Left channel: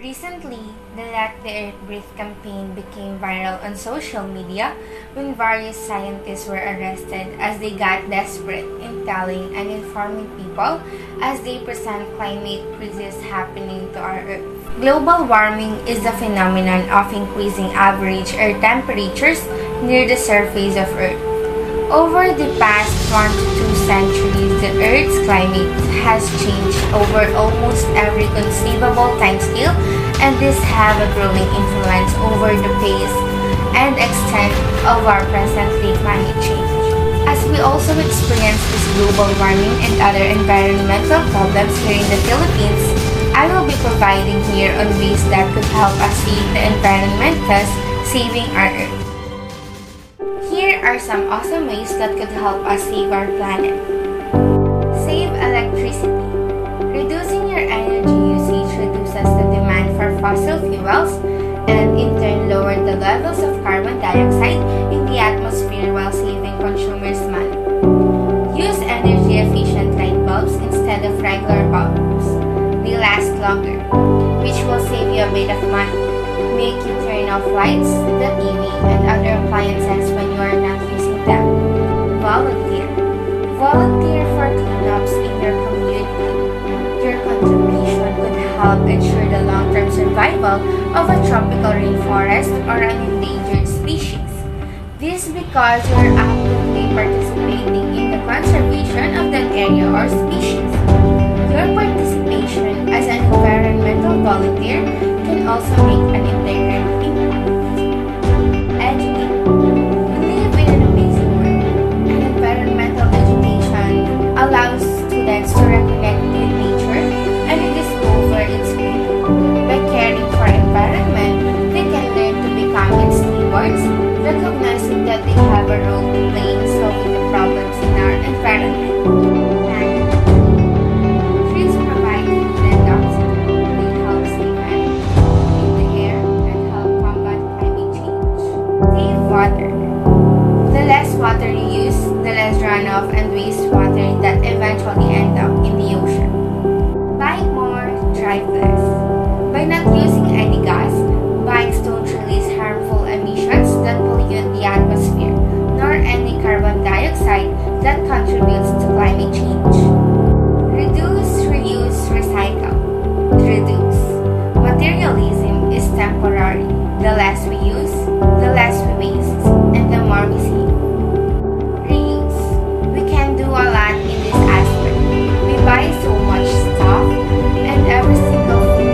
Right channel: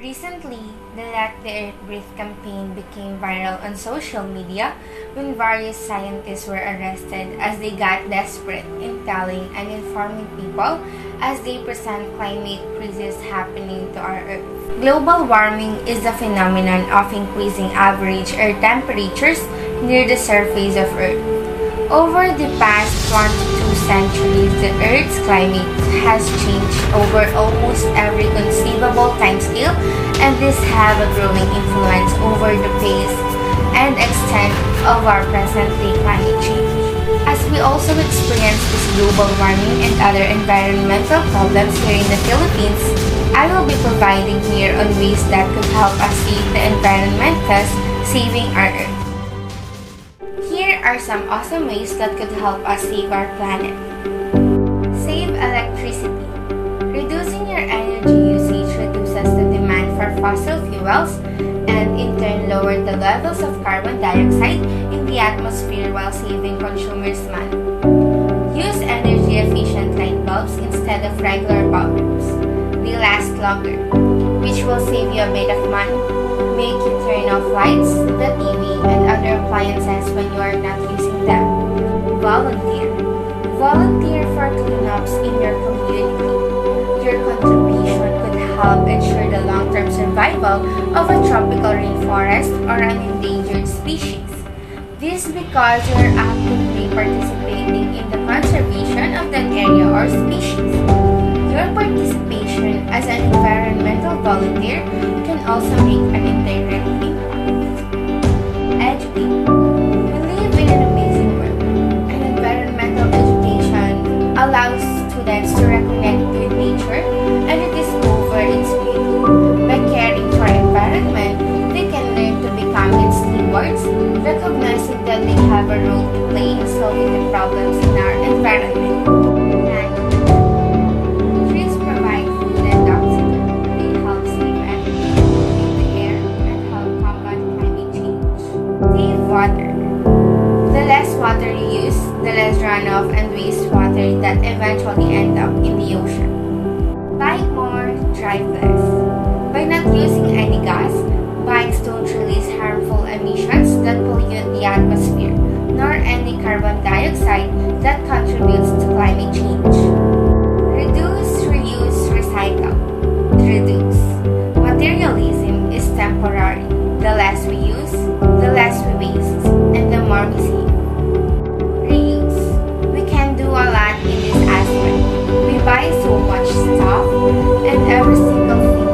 Recently, the Let the Earth Breathe campaign became viral on social media when various scientists were arrested as they got desperate in telling and informing people as they present climate crisis happening to our Earth. Global warming is the phenomenon of increasing average Earth temperatures near the surface of Earth. Over the past 1 to 2 centuries, the Earth's climate has changed over almost every conceivable timescale, and this have a growing influence over the pace and extent of our present-day climate change. As we also experience this global warming and other environmental problems here in the Philippines, I will be providing here on ways that could help us save the environment, thus saving our Earth. Here are some awesome ways that could help us save our planet. Save electricity. Reducing your energy usage reduces the demand for fossil fuels and in turn lower the levels of carbon dioxide in the atmosphere while saving consumers money. Use energy efficient light bulbs instead of regular bulbs. They last longer, which will save you a bit of money. Make you turn off lights, the TV, and other appliances when you are not using them. Volunteer. Volunteer for cleanups in your community. Your contribution could help ensure the long-term survival of a tropical rainforest or an endangered species. This because you are actively participating in the conservation of that area or species. Your participation as an environmental volunteer can also make an indirect impact. Educate. We live in an amazing world, and environmental education allows students to reconnect with nature and rediscover its beauty. By caring for environment, they can learn to become its stewards, recognizing that they have a role to play in solving the problems in our environment. Trees provide food and oxygen. They help save energy, clean the air, and help combat climate change. Save water. The less water you use, the less runoff and wastewater that eventually end up in the ocean. Bike more, drive less. By not using any gas, bikes don't release harmful emissions that pollute the atmosphere, nor any carbon dioxide that contributes to climate change. Reduce, reuse, recycle. Reduce. Materialism is temporary. The less we use, the less we waste, and the more we save. Reuse. We can do a lot in this aspect. We buy so much stuff, and every single thing